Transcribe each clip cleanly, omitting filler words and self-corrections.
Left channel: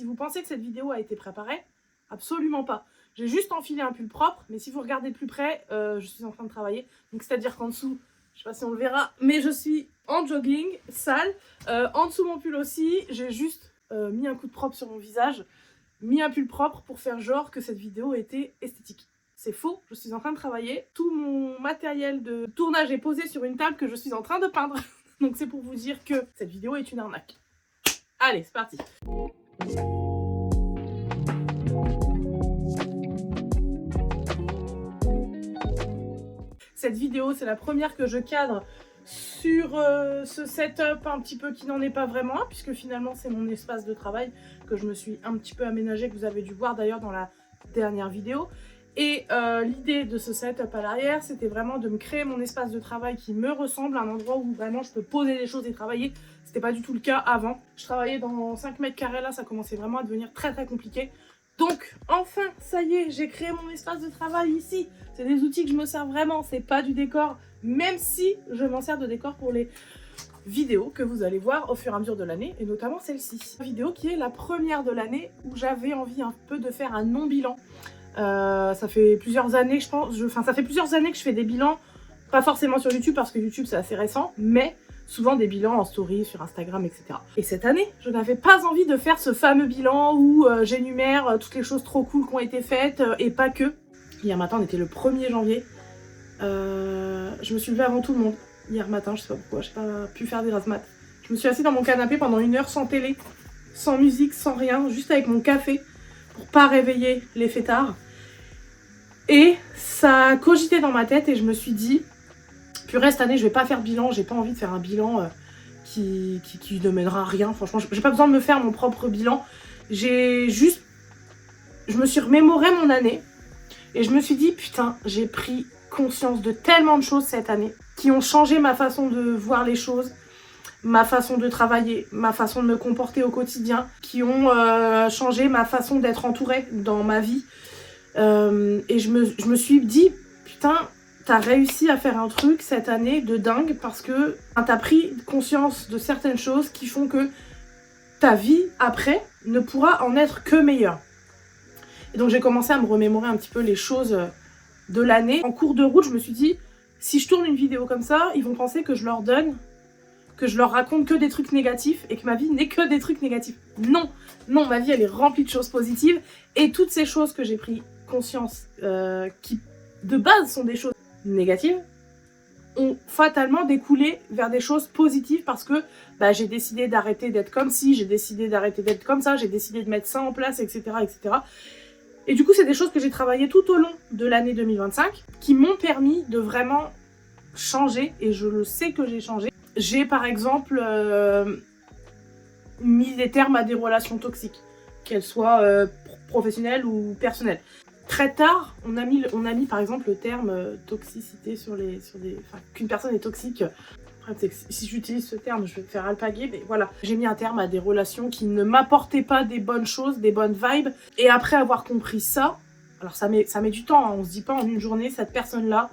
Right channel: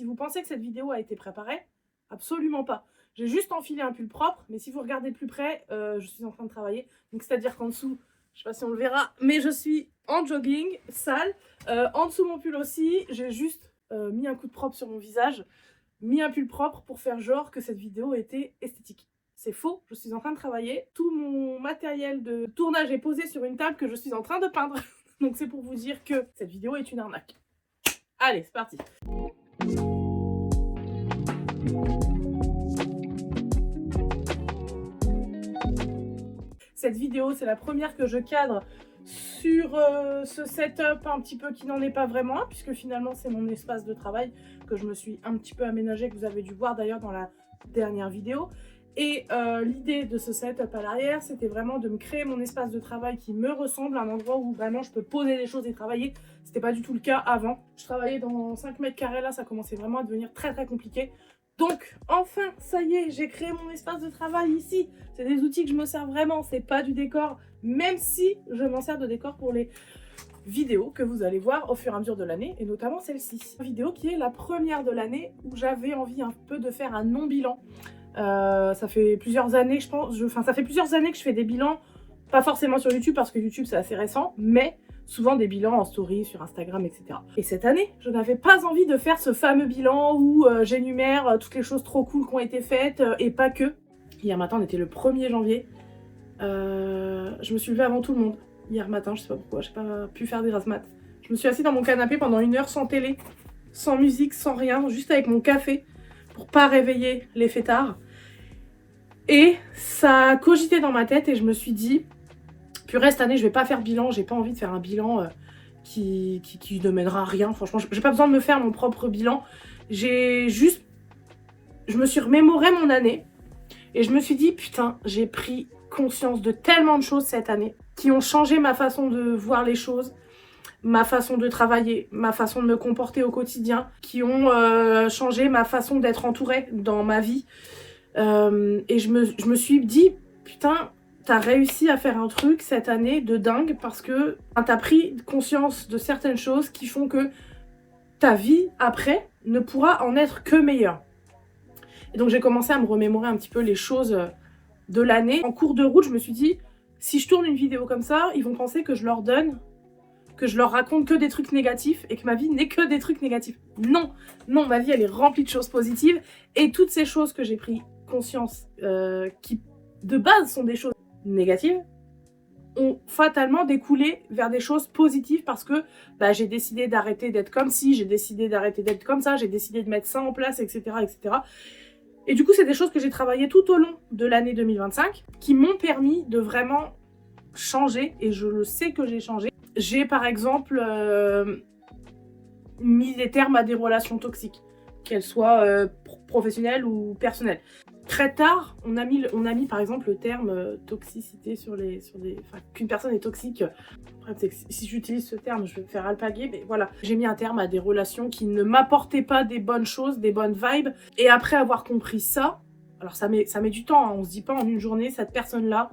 Si vous pensez que cette vidéo a été préparée, absolument pas. J'ai juste enfilé un pull propre, mais si vous regardez plus près, je suis en train de travailler. Donc c'est-à-dire qu'en dessous, je sais pas si on le verra, mais je suis en jogging, sale. En dessous mon pull aussi, j'ai juste mis un coup de propre sur mon visage, mis un pull propre pour faire genre que cette vidéo était esthétique. C'est faux, je suis en train de travailler. Tout mon matériel de tournage est posé sur une table que je suis en train de peindre. Donc c'est pour vous dire que cette vidéo est une arnaque. Allez, c'est parti. Cette vidéo, c'est la première que je cadre sur ce setup un petit peu qui n'en est pas vraiment, puisque finalement c'est mon espace de travail que je me suis un petit peu aménagé, que vous avez dû voir d'ailleurs dans la dernière vidéo. Et l'idée de ce setup à l'arrière, c'était vraiment de me créer mon espace de travail qui me ressemble, un endroit où vraiment je peux poser les choses et travailler. C'était pas du tout le cas avant. Je travaillais dans 5 mètres carrés, là ça commençait vraiment à devenir très compliqué. Donc enfin, ça y est, j'ai créé mon espace de travail ici. C'est des outils que je me sers vraiment, c'est pas du décor, même si je m'en sers de décor pour les vidéos que vous allez voir au fur et à mesure de l'année, et notamment celle-ci. Vidéo qui est la première de l'année où j'avais envie un peu de faire un non-bilan. Ça fait plusieurs années, je pense, ça fait plusieurs années que je fais des bilans, pas forcément sur YouTube parce que YouTube c'est assez récent, mais souvent des bilans en story, sur Instagram, etc. Et cette année, je n'avais pas envie de faire ce fameux bilan où j'énumère toutes les choses trop cool qui ont été faites, et pas que. Hier matin, on était le 1er janvier, je me suis levée avant tout le monde. Hier matin, je sais pas pourquoi, j'ai pas pu faire des razmat. Je me suis assise dans mon canapé pendant 1 heure sans télé, sans musique, sans rien, juste avec mon café, pour pas réveiller les fêtards. Et ça a cogité dans ma tête et je me suis dit, purée, cette année je vais pas faire bilan, j'ai pas envie de faire un bilan qui ne mènera à rien. Franchement, j'ai pas besoin de me faire mon propre bilan. Je me suis remémoré mon année et je me suis dit, putain, j'ai pris conscience de tellement de choses cette année qui ont changé ma façon de voir les choses, ma façon de travailler, ma façon de me comporter au quotidien, qui ont changé ma façon d'être entourée dans ma vie. Et je me suis dit, putain, t'as réussi à faire un truc cette année de dingue parce que t'as pris conscience de certaines choses qui font que ta vie après ne pourra en être que meilleure. Et donc j'ai commencé à me remémorer un petit peu les choses de l'année. En cours de route, je me suis dit, si je tourne une vidéo comme ça, ils vont penser que je leur donne, que je leur raconte que des trucs négatifs et que ma vie n'est que des trucs négatifs. Non, non, ma vie elle est remplie de choses positives et toutes ces choses que j'ai pris conscience, qui de base sont des choses négatives, ont fatalement découlé vers des choses positives parce que j'ai décidé d'arrêter d'être comme ci, j'ai décidé d'arrêter d'être comme ça, j'ai décidé de mettre ça en place, etc. etc. Et du coup, c'est des choses que j'ai travaillées tout au long de l'année 2025 qui m'ont permis de vraiment changer, et je le sais que j'ai changé. J'ai par exemple mis des termes à des relations toxiques, qu'elles soient professionnelles ou personnelles. Très tard, on a mis par exemple le terme toxicité qu'une personne est toxique. Après, si j'utilise ce terme, je vais me faire alpaguer, mais voilà. J'ai mis un terme à des relations qui ne m'apportaient pas des bonnes choses, des bonnes vibes. Et après avoir compris ça, alors ça met du temps, hein, on se dit pas en une journée, cette personne-là,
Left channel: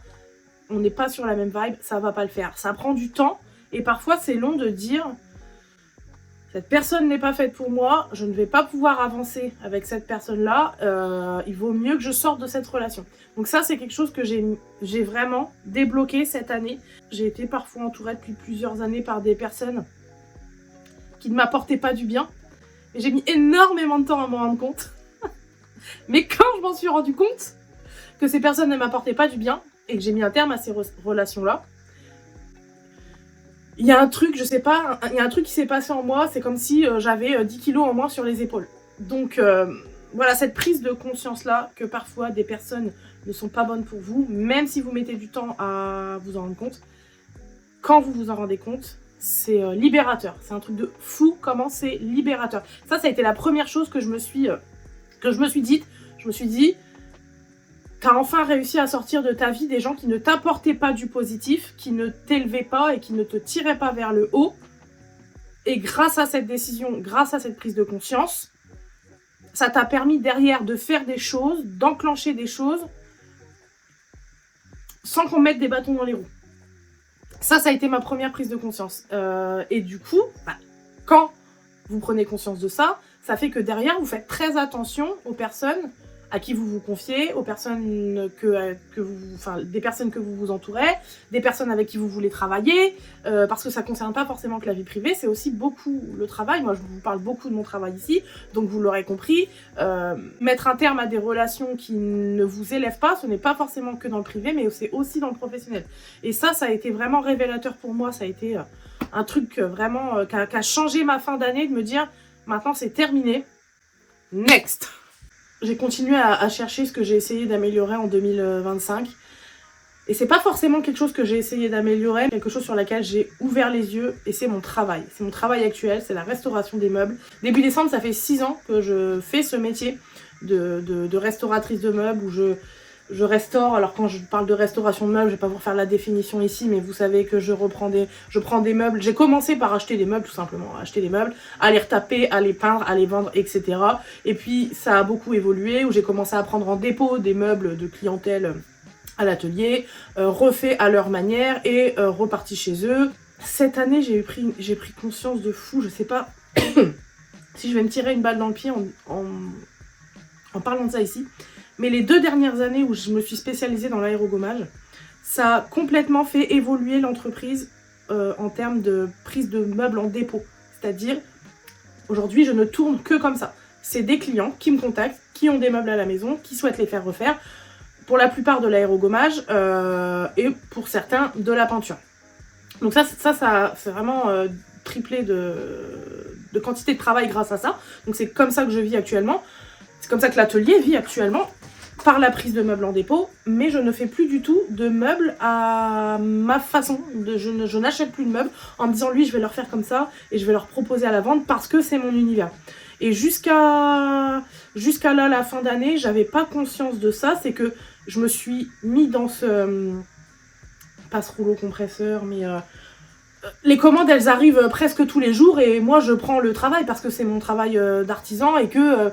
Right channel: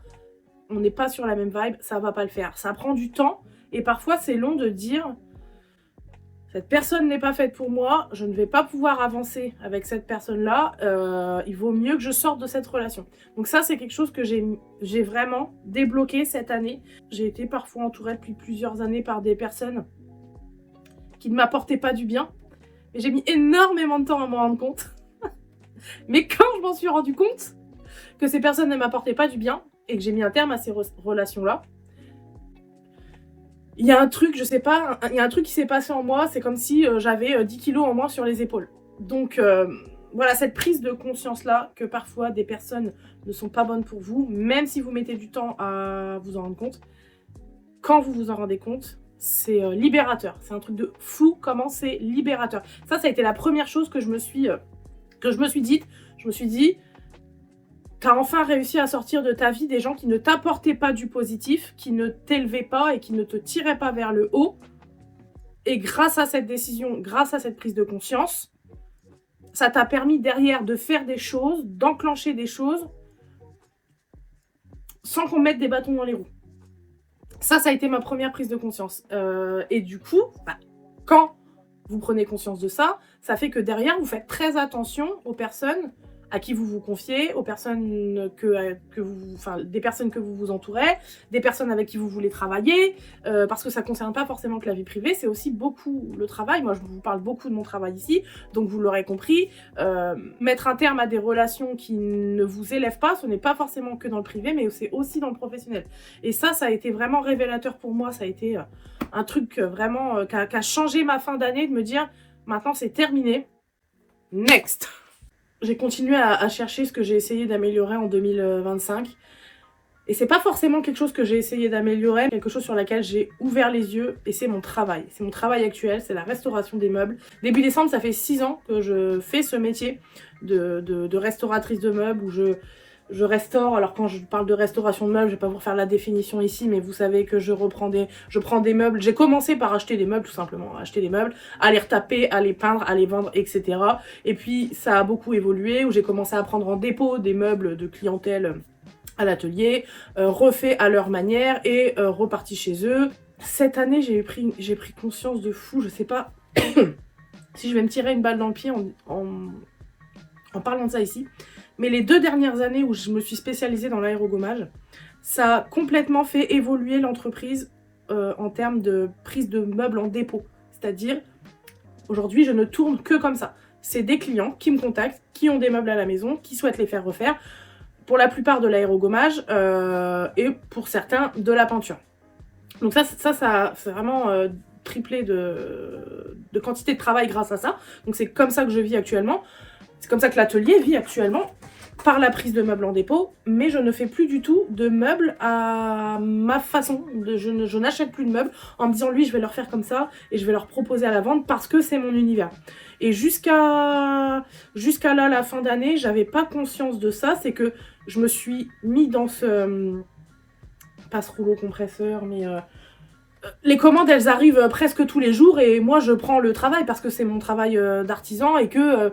on n'est pas sur la même vibe, ça va pas le faire. Ça prend du temps, et parfois c'est long de dire, cette personne n'est pas faite pour moi, je ne vais pas pouvoir avancer avec cette personne-là, il vaut mieux que je sorte de cette relation. Donc ça, c'est quelque chose que j'ai vraiment débloqué cette année. J'ai été parfois entourée depuis plusieurs années par des personnes qui ne m'apportaient pas du bien. Et j'ai mis énormément de temps à m'en rendre compte. Mais quand je m'en suis rendu compte que ces personnes ne m'apportaient pas du bien et que j'ai mis un terme à ces relations-là, il y a un truc, je sais pas, il y a un truc qui s'est passé en moi, c'est comme si j'avais 10 kilos en moins sur les épaules. Donc voilà, cette prise de conscience-là, que parfois des personnes ne sont pas bonnes pour vous, même si vous mettez du temps à vous en rendre compte, quand vous vous en rendez compte, c'est libérateur. C'est un truc de fou comment c'est libérateur. Ça a été la première chose que je me suis dite. Je me suis dit, t'as enfin réussi à sortir de ta vie des gens qui ne t'apportaient pas du positif, qui ne t'élevaient pas et qui ne te tiraient pas vers le haut. Et grâce à cette décision, grâce à cette prise de conscience, ça t'a permis derrière de faire des choses, d'enclencher des choses, sans qu'on mette des bâtons dans les roues. Ça a été ma première prise de conscience. Et du coup, quand vous prenez conscience de ça, ça fait que derrière, vous faites très attention aux personnes à qui vous vous confiez, aux personnes des personnes que vous vous entourez, des personnes avec qui vous voulez travailler, parce que ça ne concerne pas forcément que la vie privée, c'est aussi beaucoup le travail. Moi, je vous parle beaucoup de mon travail ici, donc vous l'aurez compris, mettre un terme à des relations qui ne vous élèvent pas, ce n'est pas forcément que dans le privé, mais c'est aussi dans le professionnel. Et ça a été vraiment révélateur pour moi, ça a été un truc vraiment qui a changé ma fin d'année, de me dire, maintenant c'est terminé, next. J'ai continué à chercher ce que j'ai essayé d'améliorer en 2025. Et c'est pas forcément quelque chose que j'ai essayé d'améliorer, quelque chose sur laquelle j'ai ouvert les yeux, et c'est mon travail. C'est mon travail actuel, c'est la restauration des meubles. Début décembre, ça fait 6 ans que je fais ce métier de restauratrice de meubles, où je restaure. Alors quand je parle de restauration de meubles, je vais pas vous faire la définition ici, mais vous savez que je prends des meubles. J'ai commencé par acheter des meubles, tout simplement, acheter des meubles, à les retaper, à les peindre, à les vendre, etc. Et puis ça a beaucoup évolué, où j'ai commencé à prendre en dépôt des meubles de clientèle à l'atelier, refait à leur manière et reparti chez eux. Cette année, j'ai pris conscience de fou, je sais pas si je vais me tirer une balle dans le pied en parlant de ça ici. Mais les 2 dernières années où je me suis spécialisée dans l'aérogommage, ça a complètement fait évoluer l'entreprise en termes de prise de meubles en dépôt. C'est-à-dire, aujourd'hui, je ne tourne que comme ça. C'est des clients qui me contactent, qui ont des meubles à la maison, qui souhaitent les faire refaire. Pour la plupart de l'aérogommage et pour certains de la peinture. Donc ça c'est vraiment triplé de quantité de travail grâce à ça. Donc c'est comme ça que je vis actuellement. C'est comme ça que l'atelier vit actuellement, par la prise de meubles en dépôt, mais je ne fais plus du tout de meubles à ma façon. Je n'achète plus de meubles en me disant lui je vais leur faire comme ça et je vais leur proposer à la vente parce que c'est mon univers. Et jusqu'à là, la fin d'année, j'avais pas conscience de ça, c'est que je me suis mis dans ce... pas ce rouleau compresseur, mais... les commandes, elles arrivent presque tous les jours et moi, je prends le travail parce que c'est mon travail d'artisan et que,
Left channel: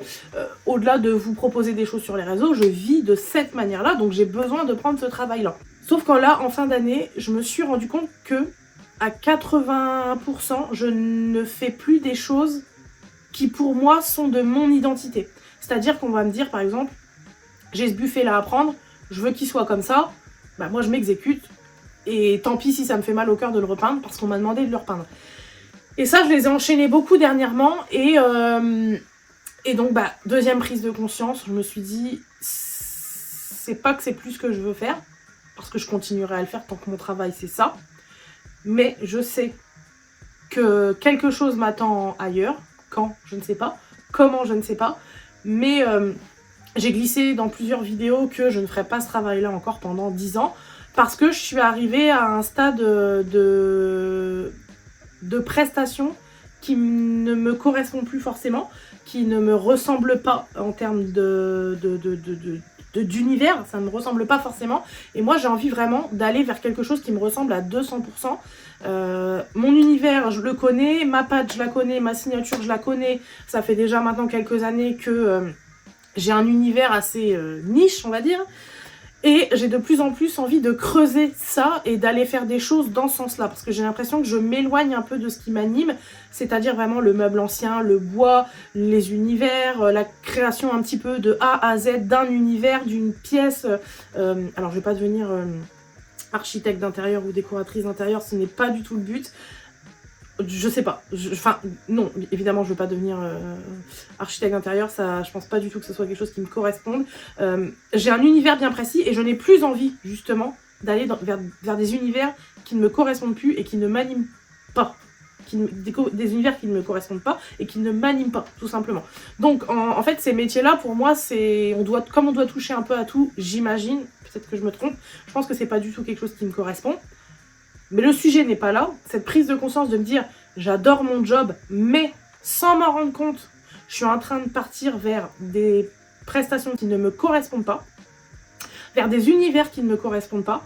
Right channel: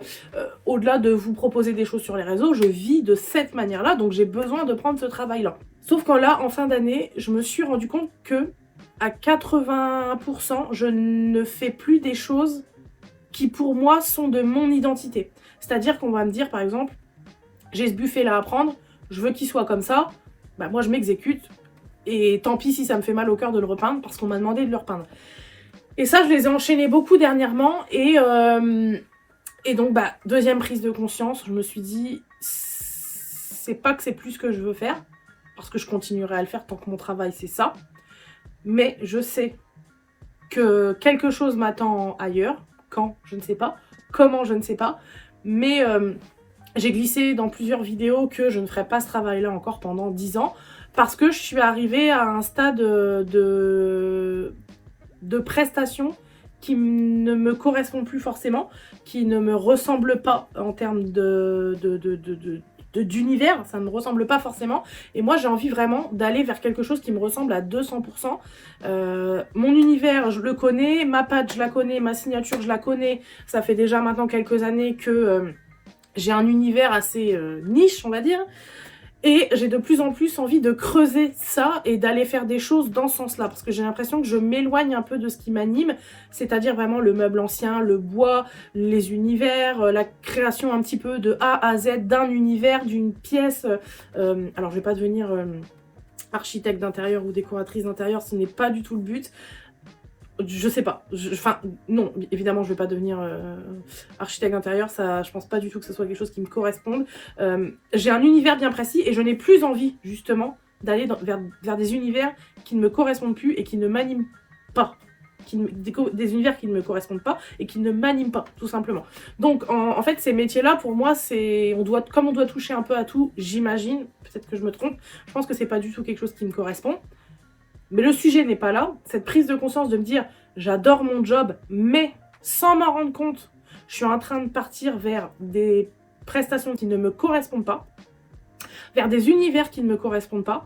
au-delà de vous proposer des choses sur les réseaux, je vis de cette manière-là, donc j'ai besoin de prendre ce travail-là. Sauf qu'en là, en fin d'année, je me suis rendu compte que à 80%, je ne fais plus des choses qui, pour moi, sont de mon identité. C'est-à-dire qu'on va me dire, par exemple, j'ai ce buffet-là à prendre, je veux qu'il soit comme ça, bah moi, je m'exécute. Et tant pis si ça me fait mal au cœur de le repeindre parce qu'on m'a demandé de le repeindre. Et ça, je les ai enchaînés beaucoup dernièrement. Et donc, deuxième prise de conscience, je me suis dit, c'est pas que c'est plus ce que je veux faire, parce que je continuerai à le faire tant que mon travail, c'est ça. Mais je sais que quelque chose m'attend ailleurs. Quand, je ne sais pas. Comment, je ne sais pas. Mais j'ai glissé dans plusieurs vidéos que je ne ferai pas ce travail-là encore pendant 10 ans. Parce que je suis arrivée à un stade de prestation qui ne me correspond plus forcément, qui ne me ressemble pas en termes d'univers, ça ne me ressemble pas forcément. Et moi, j'ai envie vraiment d'aller vers quelque chose qui me ressemble à 200%. Mon univers, je le connais, ma patte, je la connais, ma signature, je la connais. Ça fait déjà maintenant quelques années que j'ai un univers assez niche, on va dire. Et j'ai de plus en plus envie de creuser ça et d'aller faire des choses dans ce sens-là. Parce que j'ai l'impression que je m'éloigne un peu de ce qui m'anime. C'est-à-dire vraiment le meuble ancien, le bois, les univers, la création un petit peu de A à Z d'un univers, d'une pièce. Alors je vais pas devenir architecte d'intérieur ou décoratrice d'intérieur, ce n'est pas du tout le but. Je sais pas. Enfin, non, évidemment, je vais pas devenir architecte d'intérieur. Ça, je pense pas du tout que ce soit quelque chose qui me corresponde. J'ai un univers bien précis et je n'ai plus envie, justement, d'aller vers des univers qui ne me correspondent plus et qui ne m'animent pas. Des univers qui ne me correspondent pas et qui ne m'animent pas, tout simplement. Donc, en fait, ces métiers-là, pour moi, comme on doit toucher un peu à tout, j'imagine, peut-être que je me trompe, je pense que c'est pas du tout quelque chose qui me correspond. Mais le sujet n'est pas là. Cette prise de conscience de me dire j'adore mon job, mais sans m'en rendre compte, je suis en train de partir vers des prestations qui ne me correspondent pas, vers des univers qui ne me correspondent pas.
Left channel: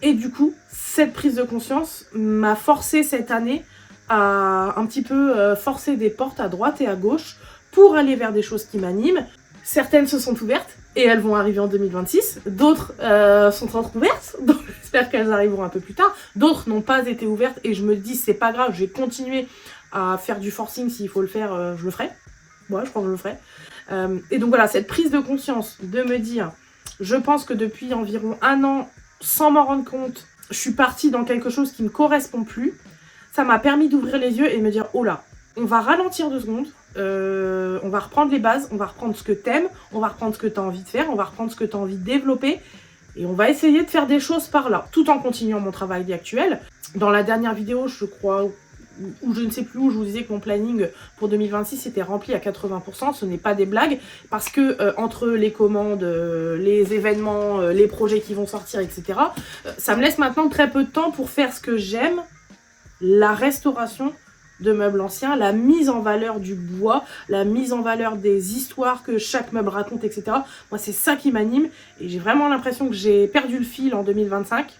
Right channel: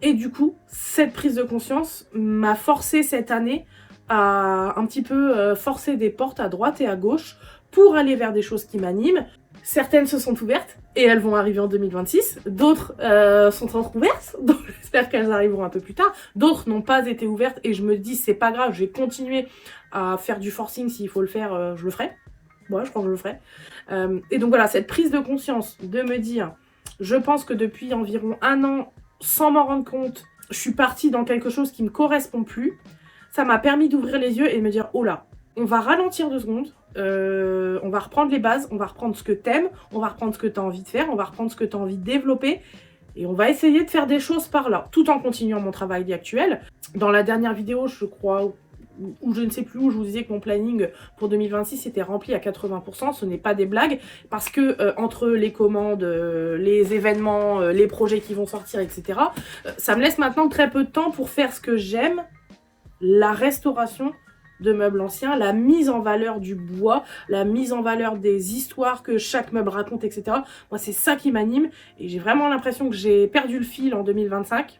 Et du coup, cette prise de conscience m'a forcé cette année à un petit peu forcer des portes à droite et à gauche pour aller vers des choses qui m'animent. Certaines se sont ouvertes et elles vont arriver en 2026. D'autres sont entrouvertes, donc j'espère qu'elles arriveront un peu plus tard. D'autres n'ont pas été ouvertes et je me dis c'est pas grave, je vais continuer à faire du forcing s'il faut le faire, je le ferai. Ouais, je crois que je le ferai. Et donc voilà, cette prise de conscience de me dire, je pense que depuis environ 1 an, sans m'en rendre compte, je suis partie dans quelque chose qui ne me correspond plus. Ça m'a permis d'ouvrir les yeux et de me dire, oh là, on va ralentir 2 secondes, on va reprendre les bases, on va reprendre ce que t'aimes, on va reprendre ce que t'as envie de faire, on va reprendre ce que t'as envie de développer, et on va essayer de faire des choses par là, tout en continuant mon travail actuel. Dans la dernière vidéo, je crois, ou je ne sais plus où, je vous disais que mon planning pour 2026 était rempli à 80%, ce n'est pas des blagues, parce que entre les commandes, les événements, les projets qui vont sortir, etc., ça me laisse maintenant très peu de temps pour faire ce que j'aime, la restauration de meubles anciens, la mise en valeur du bois, la mise en valeur des histoires que chaque meuble raconte, etc. Moi, c'est ça qui m'anime, et j'ai vraiment l'impression que j'ai perdu le fil en 2025.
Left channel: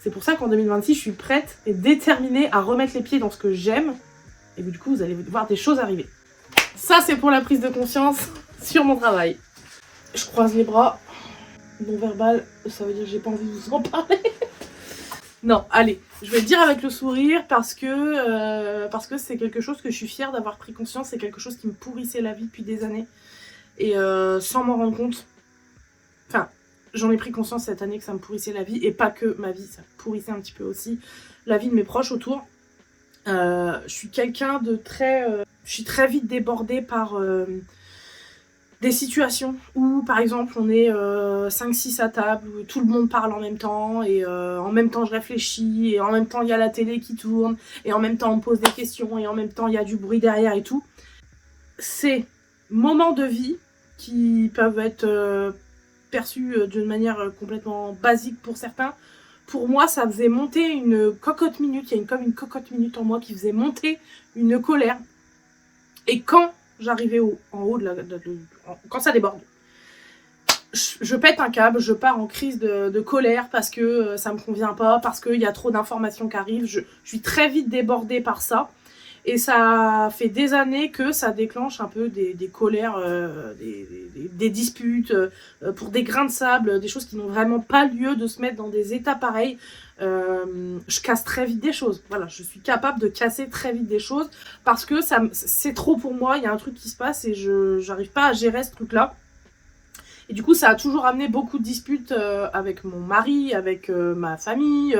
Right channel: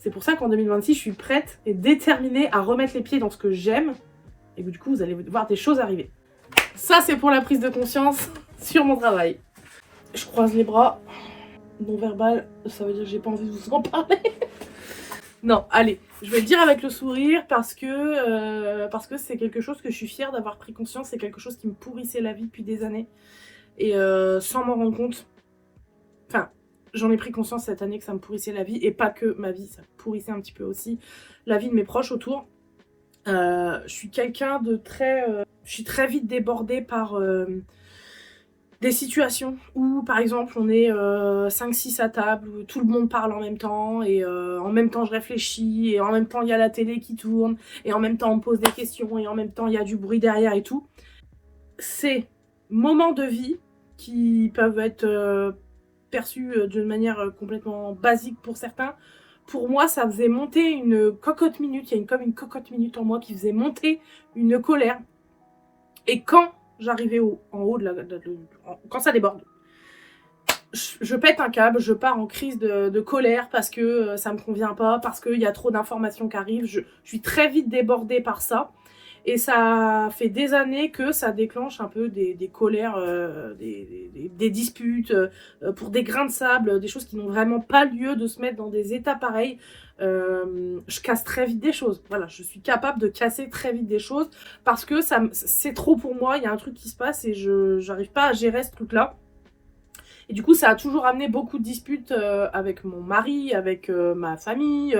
C'est pour ça qu'en 2026, je suis prête et déterminée à remettre les pieds dans ce que j'aime. Et du coup, vous allez voir des choses arriver. Ça, c'est pour la prise de conscience sur mon travail. Je croise les bras. Non verbal, ça veut dire que j'ai pas envie de vous en parler. Non, allez, je vais le dire avec le sourire parce que c'est quelque chose que je suis fière d'avoir pris conscience. C'est quelque chose qui me pourrissait la vie depuis des années. Et sans m'en rendre compte. Enfin, j'en ai pris conscience cette année que ça me pourrissait la vie, et pas que ma vie, ça pourrissait un petit peu aussi la vie de mes proches autour. Je suis quelqu'un de très... je suis très vite débordée par des situations où, par exemple, on est 5-6 à table, où tout le monde parle en même temps, et en même temps je réfléchis, et en même temps il y a la télé qui tourne, et en même temps on me pose des questions, et en même temps il y a du bruit derrière et tout. Ces moments de vie qui peuvent être... perçu d'une manière complètement basique pour certains. Pour moi, ça faisait monter une cocotte minute. Il y a comme une cocotte minute en moi qui faisait monter une colère. Et quand j'arrivais en haut, quand ça déborde, je pète un câble, je pars en crise de colère parce que ça me convient pas, parce qu'il y a trop d'informations qui arrivent. Je suis très vite débordée par ça. Et ça fait des années que ça déclenche un peu des colères, des disputes, pour des grains de sable, des choses qui n'ont vraiment pas lieu de se mettre dans des états pareils. Je casse très vite des choses. Voilà, je suis capable de casser très vite des choses parce que c'est trop pour moi. Il y a un truc qui se passe et je n'arrive pas à gérer ce truc-là. Et du coup, ça a toujours amené beaucoup de disputes avec mon mari, avec ma famille,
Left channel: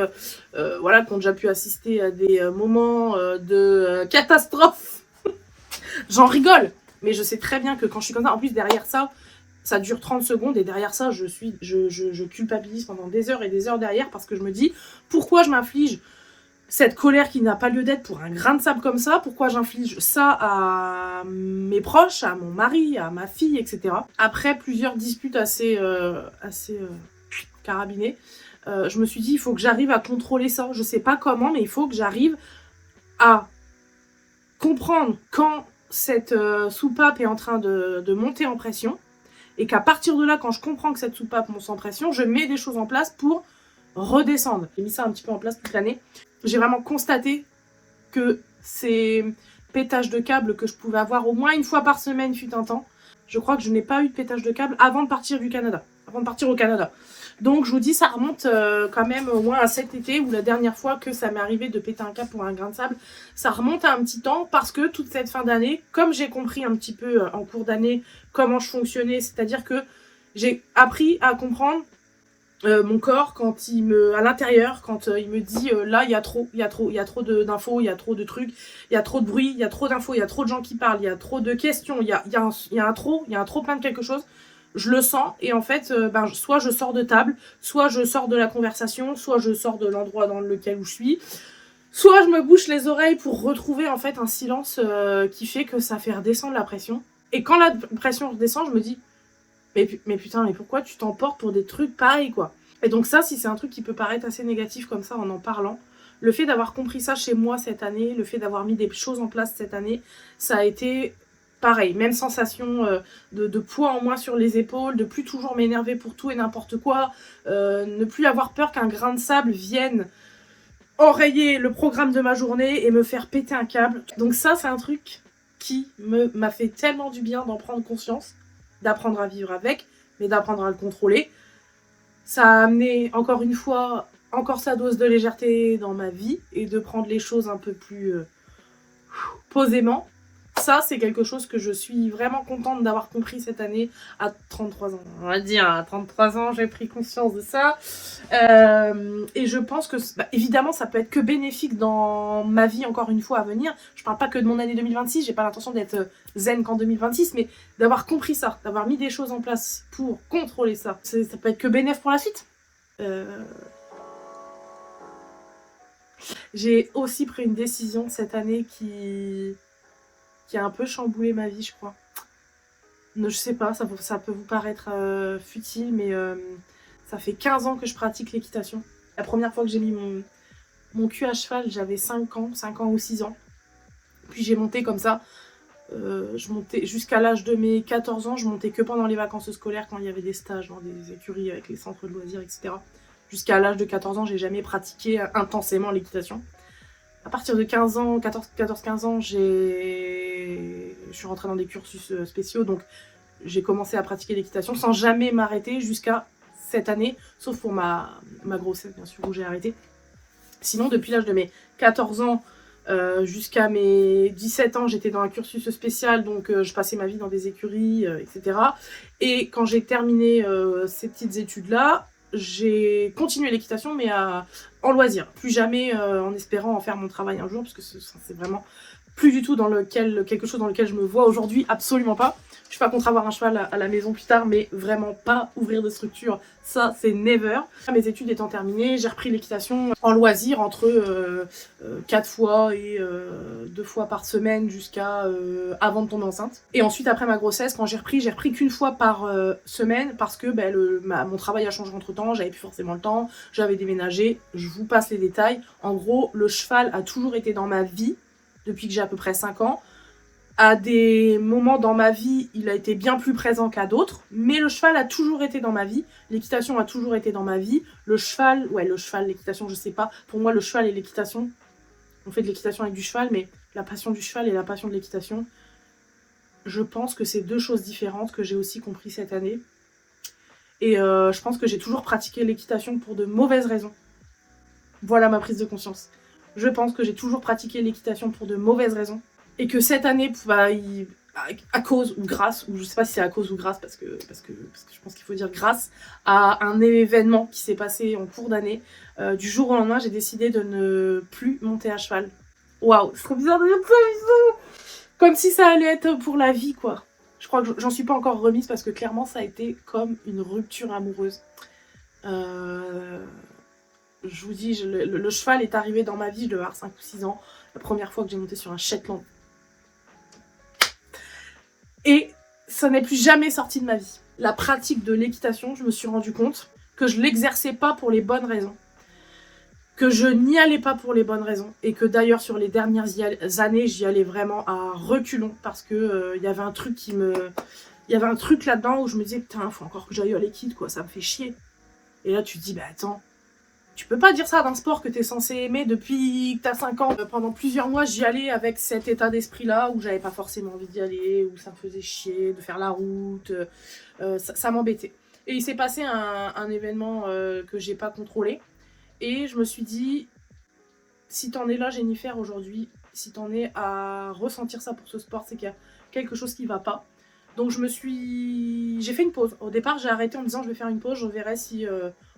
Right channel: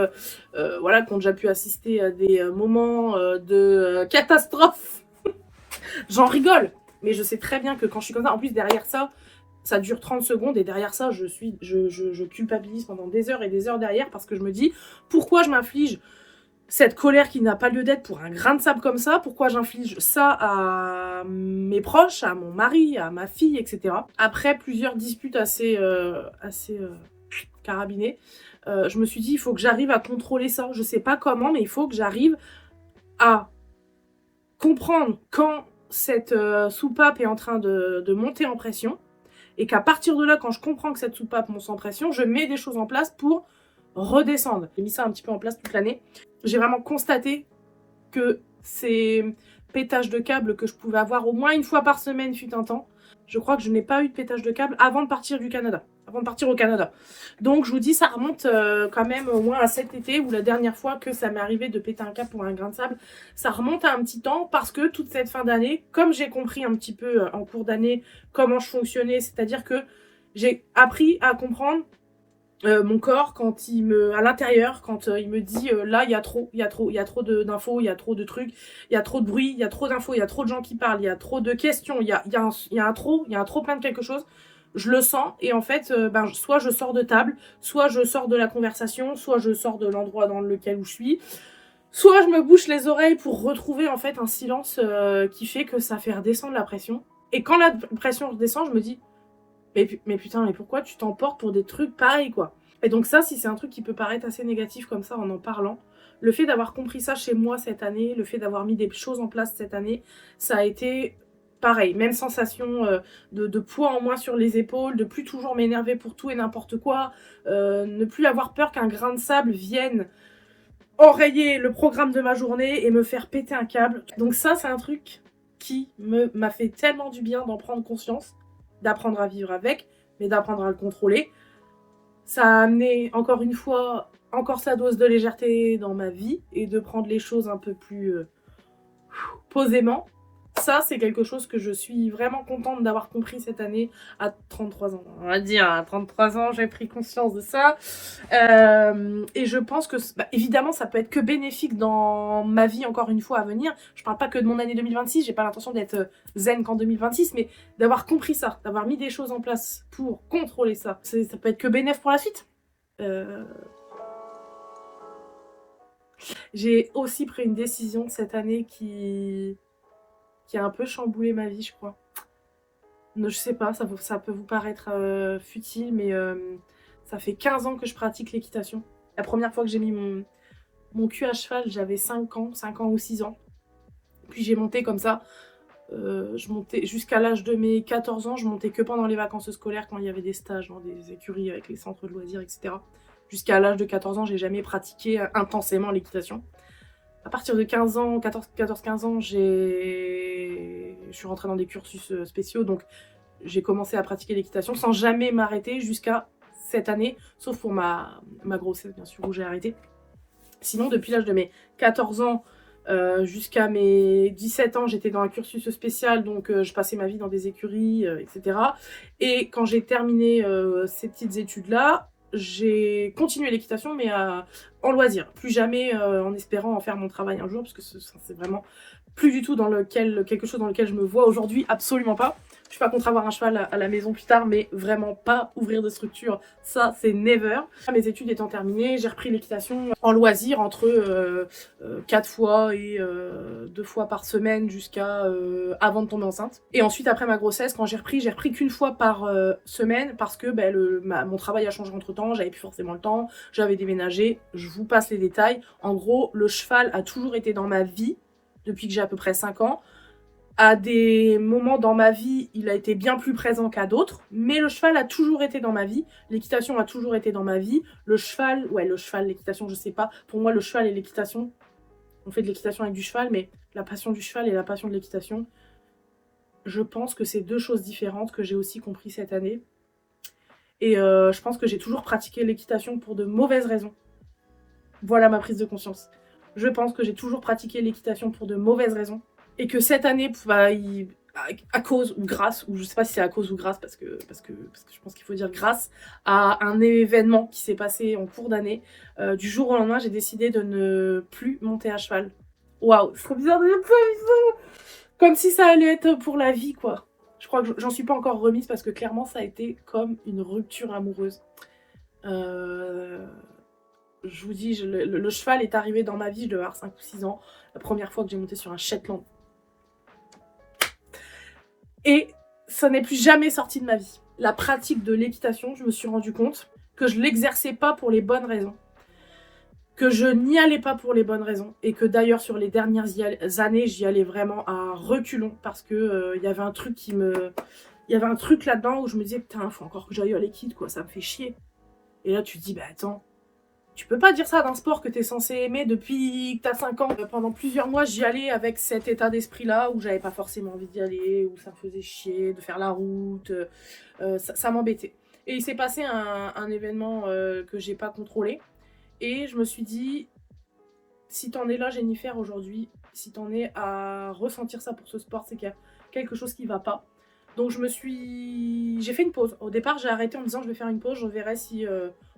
voilà, qui ont déjà pu assister à des moments de catastrophe. J'en rigole, mais je sais très bien que quand je suis comme ça, en plus derrière ça, ça dure 30 secondes et derrière ça, je culpabilise pendant des heures et des heures derrière parce que je me dis, pourquoi je m'inflige cette colère qui n'a pas lieu d'être pour un grain de sable comme ça? Pourquoi j'inflige ça à mes proches, à mon mari, à ma fille, etc. Après plusieurs disputes assez carabinées, je me suis dit, il faut que j'arrive à contrôler ça. Je sais pas comment, mais il faut que j'arrive à comprendre quand cette soupape est en train de monter en pression, et qu'à partir de là, quand je comprends que cette soupape monte en pression, je mets des choses en place pour redescendre. J'ai mis ça un petit peu en place toute l'année. J'ai vraiment constaté que ces pétages de câbles que je pouvais avoir au moins une fois par semaine fut un temps, je crois que je n'ai pas eu de pétage de câble avant de partir du Canada. Avant de partir au Canada. Donc je vous dis, ça remonte quand même au moins à cet été, où la dernière fois que ça m'est arrivé de péter un câble pour un grain de sable, ça remonte à un petit temps parce que toute cette fin d'année, comme j'ai compris un petit peu en cours d'année comment je fonctionnais, c'est-à-dire que j'ai appris à comprendre mon corps quand à l'intérieur, quand il me dit là il y a trop d'infos, il y a trop de trucs, il y a trop de bruit, il y a trop d'infos, il y a trop de gens qui parlent, il y a trop de questions, il y a un trop plein de quelque chose. Je le sens et en fait, soit je sors de table, soit je sors de la conversation, soit je sors de l'endroit dans lequel je suis, soit je me bouche les oreilles pour retrouver en fait un silence qui fait que ça fait redescendre la pression. Et quand la pression redescend, je me dis mais putain, mais pourquoi tu t'emportes pour des trucs pareils, quoi? Et donc ça, si c'est un truc qui peut paraître assez négatif comme ça en parlant, le fait d'avoir compris ça chez moi cette année, le fait d'avoir mis des choses en place cette année, ça a été pareil, même sensation de poids en moins sur les épaules, de plus toujours m'énerver pour tout et n'importe quoi, ne plus avoir peur qu'un grain de sable vienne enrayer le programme de ma journée et me faire péter un câble. Donc ça, c'est un truc qui m'a fait tellement du bien d'en prendre conscience, d'apprendre à vivre avec, mais d'apprendre à le contrôler. Ça a amené, encore une fois, encore sa dose de légèreté dans ma vie et de prendre les choses un peu plus posément. ça, c'est quelque chose que je suis vraiment contente d'avoir compris cette année à 33 ans. On va dire, à 33 ans, j'ai pris conscience de ça. Et je pense que, évidemment, ça peut être que bénéfique dans ma vie, encore une fois, à venir. Je parle pas que de mon année 2026, j'ai pas l'intention d'être zen qu'en 2026, mais d'avoir compris ça, d'avoir mis des choses en place pour contrôler ça. Ça peut être que bénéfique pour la suite. J'ai aussi pris une décision cette année qui a un peu chamboulé ma vie, je crois. Je sais pas, ça peut vous paraître futile, mais ça fait 15 ans que je pratique l'équitation. La première fois que j'ai mis mon cul à cheval, j'avais 5 ans ou 6 ans. Puis j'ai monté comme ça. Je montais jusqu'à l'âge de mes 14 ans, je montais que pendant les vacances scolaires quand il y avait des stages dans des écuries avec les centres de loisirs, etc. Jusqu'à l'âge de 14 ans, j'ai jamais pratiqué intensément l'équitation. À partir de 15 ans, 14-15 ans, je suis rentrée dans des cursus spéciaux, donc j'ai commencé à pratiquer l'équitation sans jamais m'arrêter jusqu'à cette année, sauf pour ma grossesse, bien sûr, où j'ai arrêté. Sinon, depuis l'âge de mes 14 ans jusqu'à mes 17 ans, j'étais dans un cursus spécial, donc je passais ma vie dans des écuries, etc. Et quand j'ai terminé ces petites études-là, j'ai continué l'équitation, mais en loisir. Plus jamais en espérant en faire mon travail un jour, parce que c'est vraiment plus du tout quelque chose dans lequel je me vois aujourd'hui, absolument pas. Je suis pas contre avoir un cheval à la maison plus tard, mais vraiment pas ouvrir de structure, ça c'est never. Mes études étant terminées, j'ai repris l'équitation en loisir entre 4 fois et 2 fois par semaine jusqu'à avant de tomber enceinte. Et ensuite après ma grossesse, quand j'ai repris qu'une fois par semaine parce que mon travail a changé entre temps, j'avais plus forcément le temps, j'avais déménagé, je vous passe les détails. En gros, le cheval a toujours été dans ma vie depuis que j'ai à peu près 5 ans. À des moments dans ma vie, il a été bien plus présent qu'à d'autres, mais le cheval a toujours été dans ma vie, l'équitation a toujours été dans ma vie, le cheval, l'équitation, je sais pas, pour moi le cheval et l'équitation, on fait de l'équitation avec du cheval, mais la passion du cheval et la passion de l'équitation, je pense que c'est deux choses différentes que j'ai aussi compris cette année, et je pense que j'ai toujours pratiqué l'équitation pour de mauvaises raisons. Voilà ma prise de conscience. Je pense que j'ai toujours pratiqué l'équitation pour de mauvaises raisons. Et que cette année, à cause ou grâce, ou je sais pas si c'est à cause ou grâce, parce que je pense qu'il faut dire grâce, à un événement qui s'est passé en cours d'année, du jour au lendemain, j'ai décidé de ne plus monter à cheval. Waouh, c'est trop bizarre de dire ça, comme si ça allait être pour la vie, quoi. Je crois que j'en suis pas encore remise, parce que clairement, ça a été comme une rupture amoureuse. Je vous dis, le cheval est arrivé dans ma vie, je devais avoir 5 ou 6 ans, la première fois que j'ai monté sur un Shetland. Et ça n'est plus jamais sorti de ma vie. La pratique de l'équitation, je me suis rendu compte que je l'exerçais pas pour les bonnes raisons. Que je n'y allais pas pour les bonnes raisons. Et que d'ailleurs, sur les dernières années, j'y allais vraiment à reculons. Parce que y avait un truc il y avait un truc là-dedans où je me disais, putain, faut encore que j'aille à l'équipe, quoi, ça me fait chier. Et là, tu te dis, bah attends, tu peux pas dire ça d'un sport que t'es censé aimer depuis que t'as 5 ans. Pendant plusieurs mois, j'y allais avec cet état d'esprit-là, où j'avais pas forcément envie d'y aller, où ça me faisait chier de faire la route, ça m'embêtait. Et il s'est passé un événement que j'ai pas contrôlé, et je me suis dit, si t'en es là, Jennifer, aujourd'hui, si t'en es à ressentir ça pour ce sport, c'est qu'il y a quelque chose qui va pas. Donc j'ai fait une pause. Au départ, j'ai arrêté en me disant, je vais faire une pause, je verrai si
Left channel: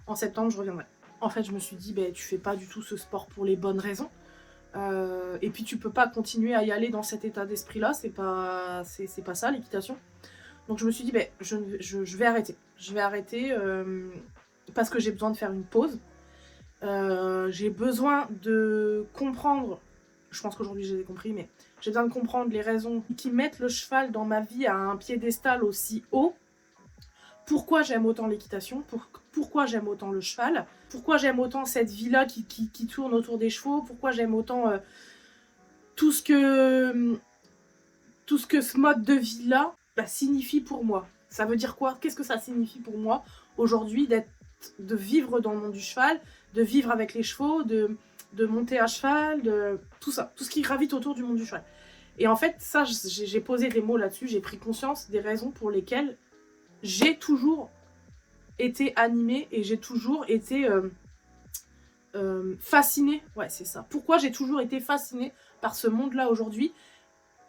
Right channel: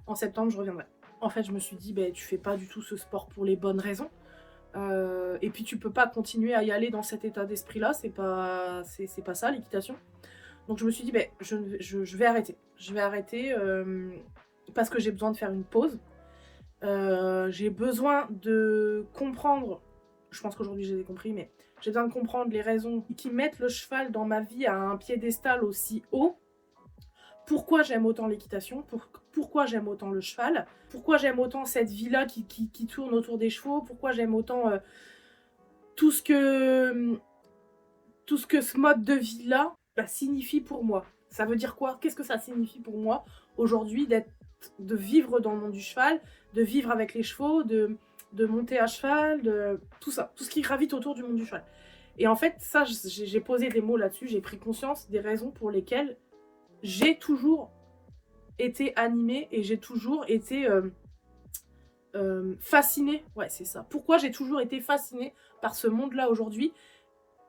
en septembre, je reviendrai. En fait, je me suis dit, tu fais pas du tout ce sport pour les bonnes raisons. Et puis, tu peux pas continuer à y aller dans cet état d'esprit-là. C'est pas ça, l'équitation. Donc, je me suis dit, je vais arrêter. Je vais arrêter parce que j'ai besoin de faire une pause. J'ai besoin de comprendre. Je pense qu'aujourd'hui, je les ai compris, mais j'ai besoin de comprendre les raisons qui mettent le cheval dans ma vie à un piédestal aussi haut. Pourquoi j'aime autant l'équitation, pourquoi j'aime autant le cheval, pourquoi j'aime autant cette vie-là qui tourne autour des chevaux, pourquoi j'aime autant tout ce que ce mode de vie-là signifie pour moi. Ça veut dire quoi? Qu'est-ce que ça signifie pour moi aujourd'hui de vivre dans le monde du cheval, de vivre avec les chevaux, de monter à cheval, de tout ça, tout ce qui gravite autour du monde du cheval. Et en fait, ça, j'ai posé des mots là-dessus, j'ai pris conscience des raisons pour lesquelles j'ai toujours été animée et j'ai toujours été fascinée. Ouais, c'est ça. Pourquoi j'ai toujours été fascinée par ce monde-là aujourd'hui.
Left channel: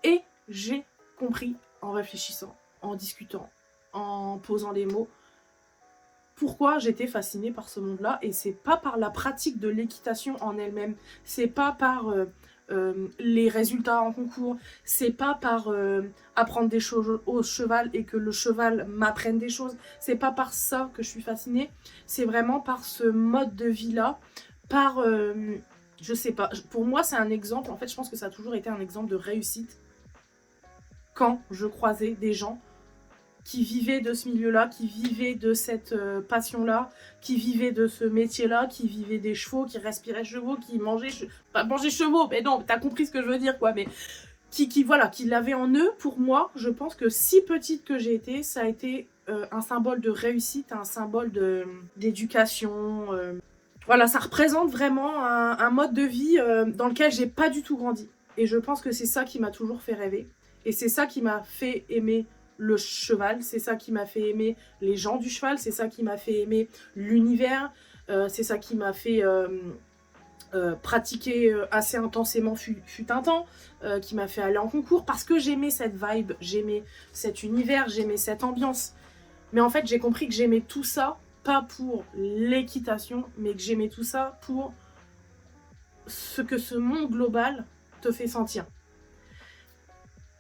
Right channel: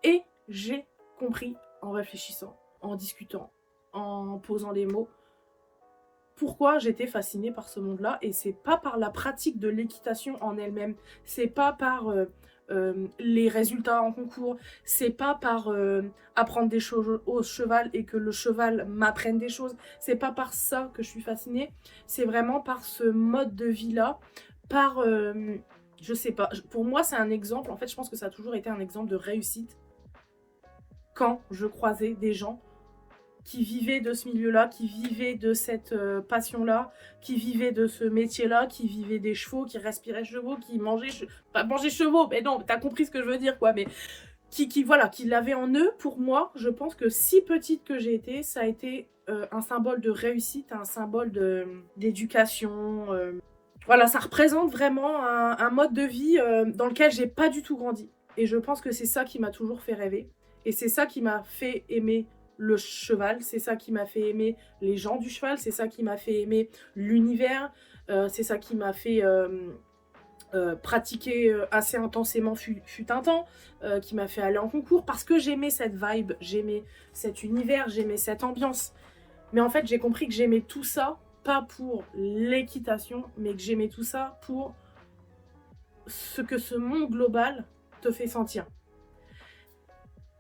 Et j'ai compris en réfléchissant, en discutant, en posant les mots, pourquoi j'étais fascinée par ce monde-là. Et c'est pas par la pratique de l'équitation en elle-même, c'est pas par les résultats en concours, c'est pas par apprendre des choses au cheval et que le cheval m'apprenne des choses, c'est pas par ça que je suis fascinée, c'est vraiment par ce mode de vie-là, par, je sais pas, pour moi c'est un exemple, en fait je pense que ça a toujours été un exemple de réussite quand je croisais des gens qui vivaient de ce milieu-là, qui vivaient de cette passion-là, qui vivaient de ce métier-là, qui vivaient des chevaux, qui respiraient chevaux, qui mangeaient... Pas manger chevaux, mais non, t'as compris ce que je veux dire, quoi, mais voilà, qui l'avaient en eux. Pour moi, je pense que si petite que j'ai été, ça a été un symbole de réussite, un symbole d'éducation. Voilà, ça représente vraiment un mode de vie dans lequel j'ai pas du tout grandi. Et je pense que c'est ça qui m'a toujours fait rêver. Et c'est ça qui m'a fait aimer le cheval, c'est ça qui m'a fait aimer les gens du cheval, c'est ça qui m'a fait aimer l'univers, c'est ça qui m'a fait pratiquer assez intensément fut un temps, qui m'a fait aller en concours, parce que j'aimais cette vibe, j'aimais cet univers, j'aimais cette ambiance. Mais en fait, j'ai compris que j'aimais tout ça, pas pour l'équitation, mais que j'aimais tout ça pour ce que ce monde global te fait sentir.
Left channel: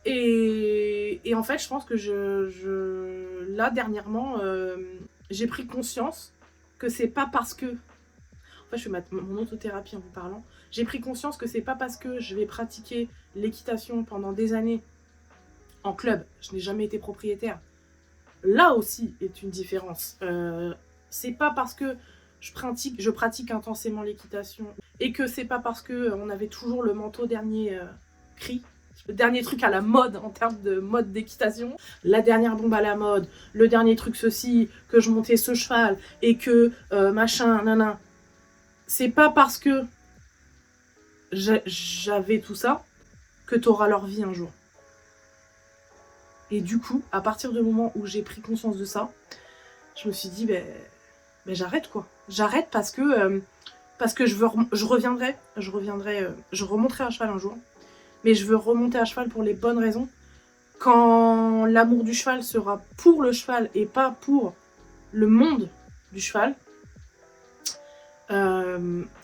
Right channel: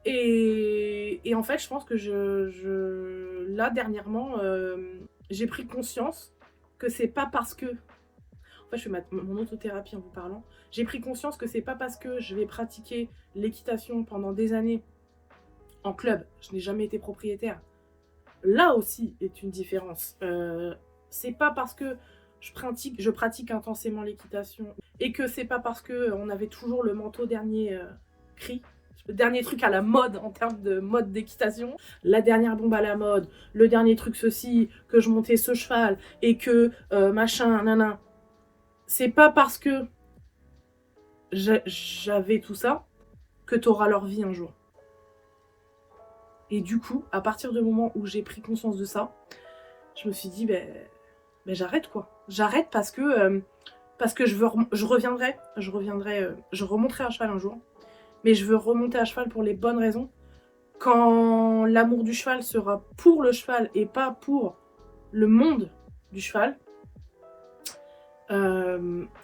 Et en fait, je pense que là, dernièrement, j'ai pris conscience que c'est pas parce que... En fait, je fais mon autothérapie en vous parlant. J'ai pris conscience que c'est pas parce que je vais pratiquer l'équitation pendant des années en club, je n'ai jamais été propriétaire. Là aussi est une différence. C'est pas parce que je pratique intensément l'équitation et que c'est pas parce qu'on avait toujours le manteau dernier cri, le dernier truc à la mode en termes de mode d'équitation, la dernière bombe à la mode, le dernier truc ceci, que je montais ce cheval et que machin, nana. C'est pas parce que j'avais tout ça que t'auras leur vie un jour. Et du coup, à partir du moment où j'ai pris conscience de ça, je me suis dit, ben j'arrête quoi. J'arrête parce que je reviendrai, je remonterai à cheval un jour. Mais je veux remonter à cheval pour les bonnes raisons. Quand l'amour du cheval sera pour le cheval et pas pour le monde du cheval,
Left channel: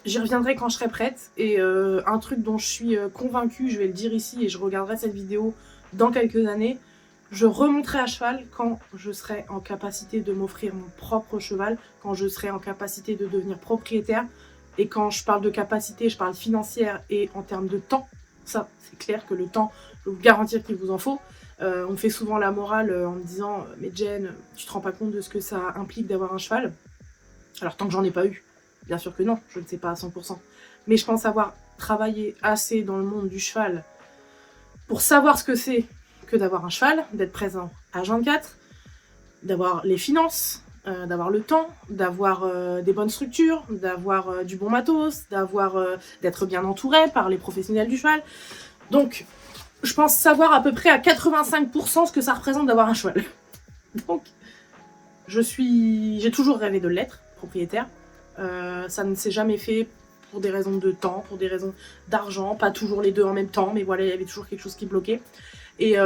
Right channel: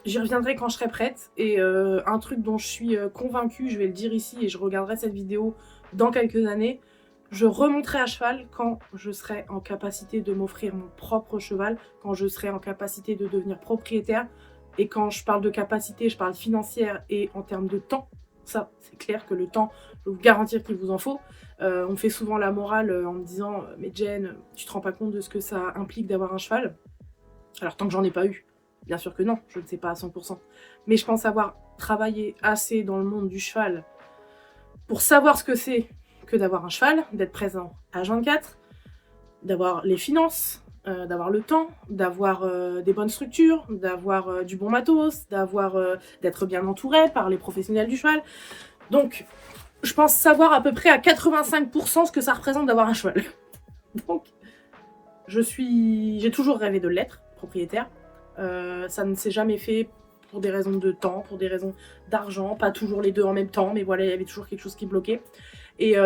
j'y reviendrai quand je serai prête. Et un truc dont je suis convaincue, je vais le dire ici et je regarderai cette vidéo dans quelques années, je remonterai à cheval quand je serai en capacité de m'offrir mon propre cheval, quand je serai en capacité de devenir propriétaire. Et quand je parle de capacité, je parle financière et en termes de temps. Ça, c'est clair que le temps, je peux vous garantir qu'il vous en faut. On fait souvent la morale en me disant « Mais Jen, tu te rends pas compte de ce que ça implique d'avoir un cheval ?» Alors tant que j'en ai pas eu, bien sûr que non, je ne sais pas à 100%. Mais je pense avoir travaillé assez dans le monde du cheval pour savoir ce que c'est que d'avoir un cheval, d'être présent à H24, d'avoir les finances, d'avoir le temps, d'avoir des bonnes structures, d'avoir du bon matos, d'être bien entouré par les professionnels du cheval. Donc, je pense savoir à peu près à 85% ce que ça représente d'avoir un cheval. Donc, j'ai toujours rêvé de l'être, propriétaire. Ça ne s'est jamais fait pour des raisons de temps, pour des raisons d'argent, pas toujours les deux en même temps, mais voilà, il y avait toujours quelque chose qui bloquait. Et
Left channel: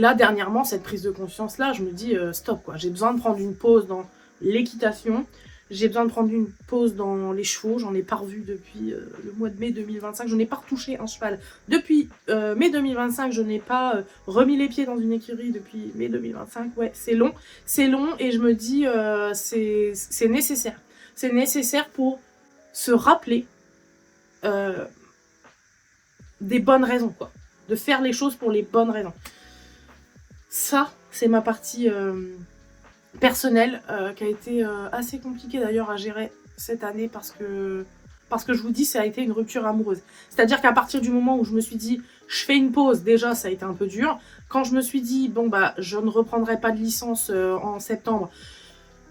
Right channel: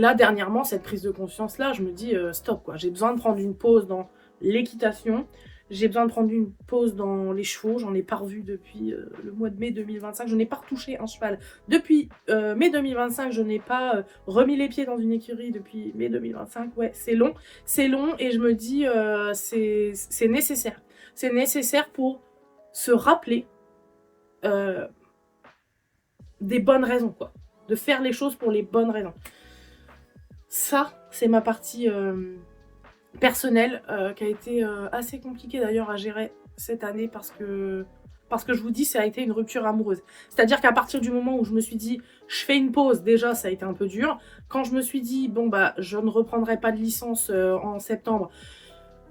là, dernièrement, cette prise de conscience-là, je me dis stop, quoi. J'ai besoin de prendre une pause dans l'équitation. J'ai besoin de prendre une pause dans les chevaux. J'en ai pas revu depuis le mois de mai 2025. Je n'ai pas retouché un cheval. Depuis mai 2025, je n'ai pas remis les pieds dans une écurie depuis mai 2025. Ouais, c'est long. C'est long et je me dis c'est nécessaire. C'est nécessaire pour se rappeler des bonnes raisons, quoi. De faire les choses pour les bonnes raisons. Ça, c'est ma partie personnelle qui a été assez compliquée d'ailleurs à gérer cette année parce que je vous dis, ça a été une rupture amoureuse. C'est-à-dire qu'à partir du moment où je me suis dit, je fais une pause, déjà ça a été un peu dur. Quand je me suis dit, bon bah je ne reprendrai pas de licence en septembre,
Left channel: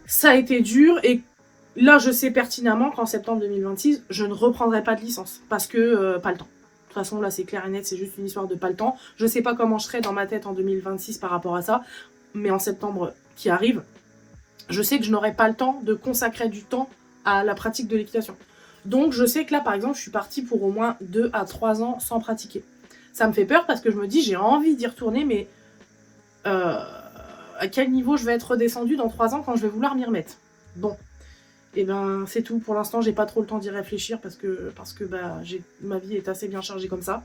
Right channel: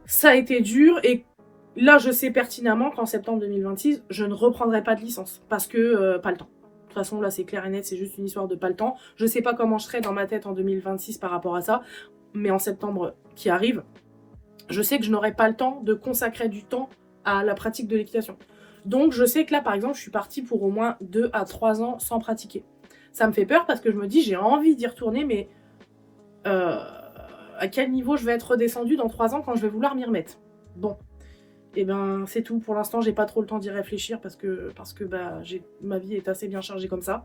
ça a été dur. Et là, je sais pertinemment qu'en septembre 2026, je ne reprendrai pas de licence parce que pas le temps. De toute façon, là, c'est clair et net, c'est juste une histoire de pas le temps. Je sais pas comment je serai dans ma tête en 2026 par rapport à ça, mais en septembre qui arrive, je sais que je n'aurai pas le temps de consacrer du temps à la pratique de l'équitation. Donc, je sais que là, par exemple, je suis partie pour au moins 2 à 3 ans sans pratiquer. Ça me fait peur parce que je me dis j'ai envie d'y retourner, mais à quel niveau je vais être redescendue dans 3 ans quand je vais vouloir m'y remettre. Bon, et ben c'est tout. Pour l'instant, j'ai pas trop le temps d'y réfléchir parce que bah, ma vie est assez bien chargée comme ça.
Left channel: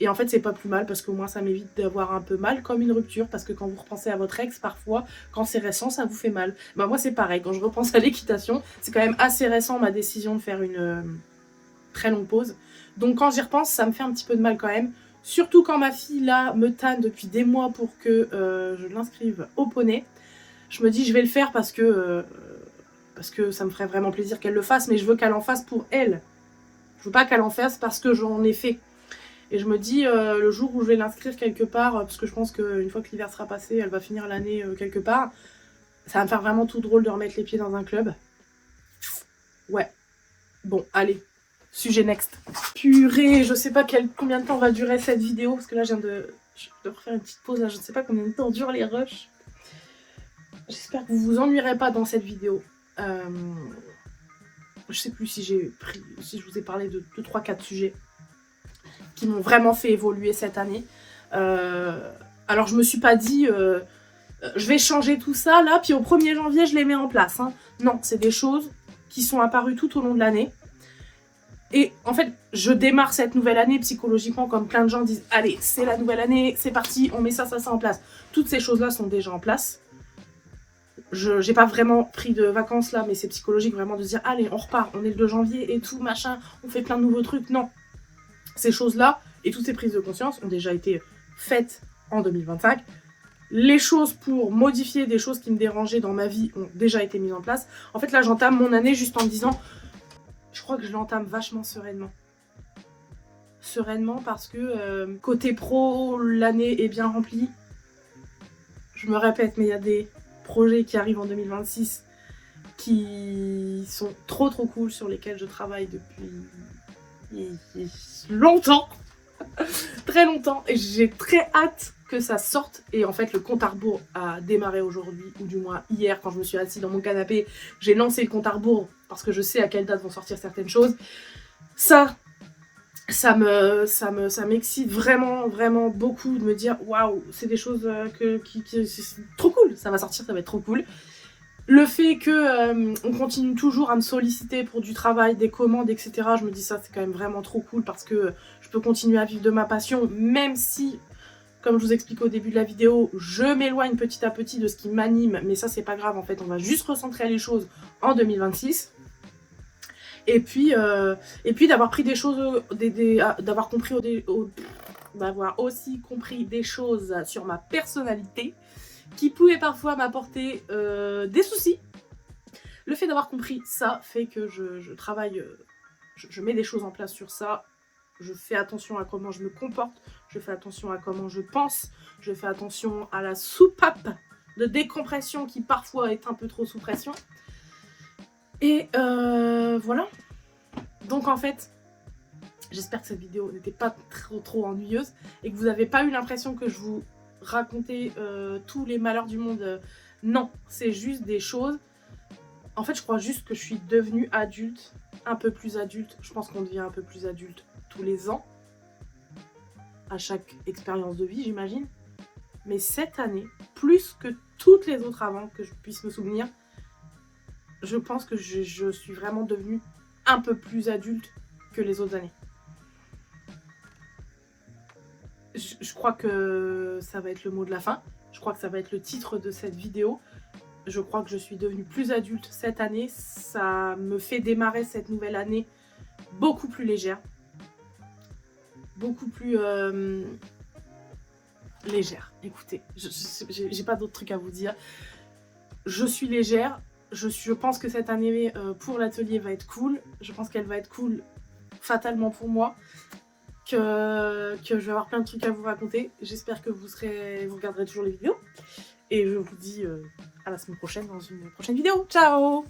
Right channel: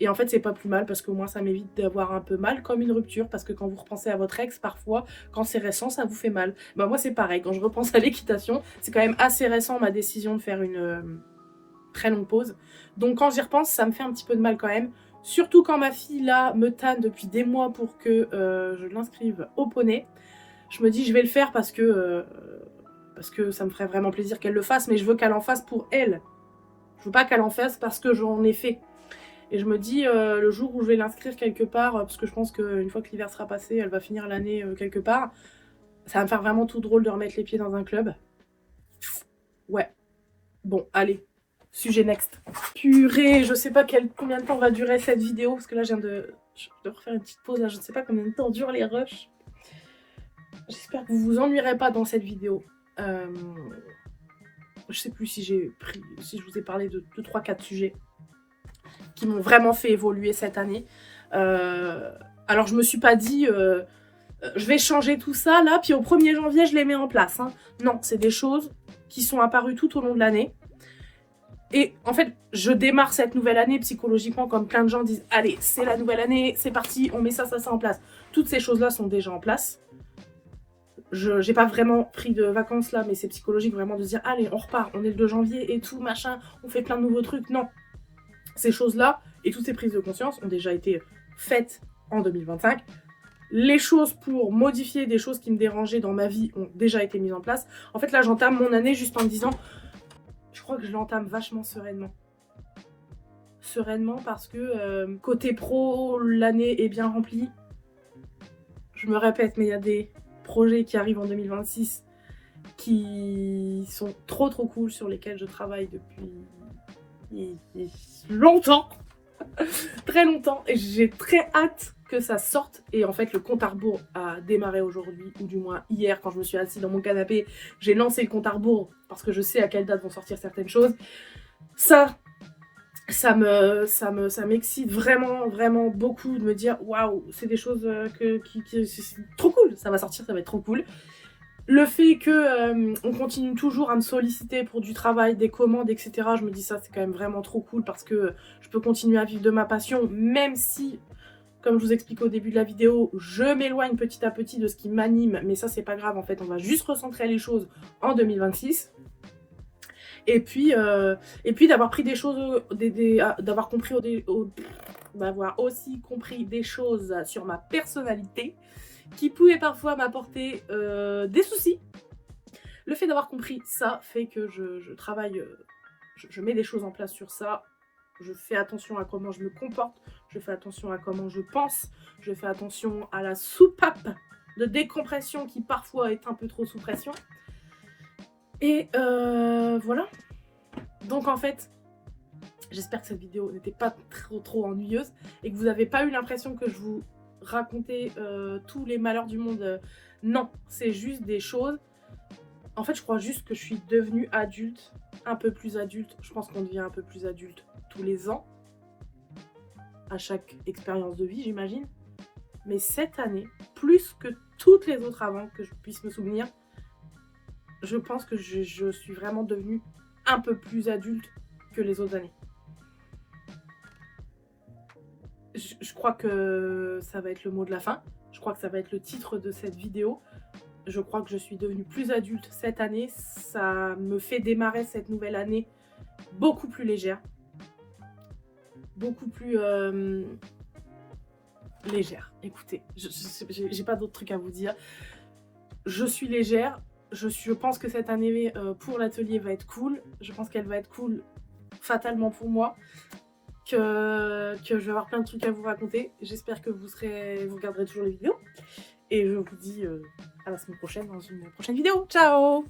Et en fait, c'est pas plus mal parce que moi, ça m'évite d'avoir un peu mal comme une rupture. Parce que quand vous repensez à votre ex, parfois, quand c'est récent, ça vous fait mal. Bah, moi, c'est pareil. Quand je repense à l'équitation, c'est quand même assez récent ma décision de faire une très longue pause. Donc, quand j'y repense, ça me fait un petit peu de mal quand même. Surtout quand ma fille, là, me tanne depuis des mois pour que je l'inscrive au poney. Je me dis, je vais le faire parce que ça me ferait vraiment plaisir qu'elle le fasse. Mais je veux qu'elle en fasse pour elle. Je veux pas qu'elle en fasse parce que j'en ai fait. Et je me dis, le jour où je vais l'inscrire quelque part, parce que je pense qu'une fois que l'hiver sera passé, elle va finir l'année quelque part, ça va me faire vraiment tout drôle de remettre les pieds dans un club. Ouais. Bon, allez. Sujet next. Purée, je sais pas combien de temps va durer cette vidéo, parce que là, je dois refaire une petite pause, là, je ne sais pas combien de temps durent les rushs. J'espère que vous vous ennuierez pas dans cette vidéo. Je sais plus si je vous ai parlé de 2, 3, 4 sujets qui m'ont vraiment fait évoluer cette année. Alors je me suis pas dit je vais changer tout ça là, puis au 1er janvier je les mets en place. Hein. Non, c'est des choses qui sont apparues tout au long de l'année. Et en fait, je démarre cette nouvelle année psychologiquement comme plein de gens disent allez, c'est la nouvelle année, c'est parti, on met ça en place. Toutes ces choses-là sont déjà en place. J'ai pas vraiment pris de vacances là, mais c'est psychologique vraiment de se dire allez, on repart, on est le 2 janvier et tout, machin, on fait plein de nouveaux trucs. Non, ces choses-là et toutes ces prises de conscience ont déjà été faites en 2025. Les choses pour modifier des choses qui me dérangeaient dans ma vie ont déjà été mises en place. En fait, là, j'entame mon année juste en me disant, je crois que je l'entame vachement sereinement. Sereinement parce que côté pro, l'année est bien remplie. Je me répète, mais il y a des projets qui arrivent en 2026 qui sont trop cool, sur lesquels je travaille depuis longtemps. Très longtemps, et j'ai très hâte que ça sorte. Et en fait, le compte à rebours a démarré aujourd'hui, ou du moins hier, quand je me suis assise dans mon canapé, j'ai lancé le compte à rebours parce que je sais à quelle date vont sortir certaines choses. Ça m'excite vraiment beaucoup de me dire waouh, c'est des choses c'est trop cool, ça va sortir, ça va être trop cool. Le fait que on continue toujours à me solliciter pour du travail, des commandes, etc. Je me dis ça, c'est quand même vraiment trop cool parce que je peux continuer à vivre de ma passion, même si, comme je vous explique au début de la vidéo, je m'éloigne petit à petit de ce qui m'anime. Mais ça, c'est pas grave, en fait, on va juste recentrer les choses en 2026. Et puis d'avoir pris des choses, d'avoir aussi compris des choses sur ma personnalité qui pouvaient parfois m'apporter des soucis. Le fait d'avoir compris ça fait que je travaille, je mets des choses en place sur ça. Je fais attention à comment je me comporte, je fais attention à comment je pense, je fais attention à la soupape de décompression qui parfois est un peu trop sous pression. Et voilà. Donc en fait, j'espère que cette vidéo n'était pas trop ennuyeuse et que vous n'avez pas eu l'impression que je vous racontais tous les malheurs du monde. Non, c'est juste des choses. En fait, je crois juste que je suis devenue adulte, un peu plus adulte. Je pense qu'on devient un peu plus adulte tous les ans, à chaque expérience de vie, j'imagine. Mais cette année, plus que toutes les autres avant que je puisse me souvenir, je pense que je suis vraiment devenue un peu plus adulte que les autres années. Je crois que ça va être le mot de la fin. Je crois que ça va être le titre de cette vidéo. Je crois que je suis devenue plus adulte cette année. Ça me fait démarrer cette nouvelle année beaucoup plus légère. Beaucoup plus légère. Écoutez, j'ai pas d'autres trucs à vous dire. Je suis légère. Je pense que cette année pour l'atelier va être cool. Je pense qu'elle va être cool fatalement pour moi. Que je vais avoir plein de trucs à vous raconter. J'espère que vous regarderez toujours les vidéos. Et je vous dis à la semaine prochaine dans une prochaine vidéo. Ciao!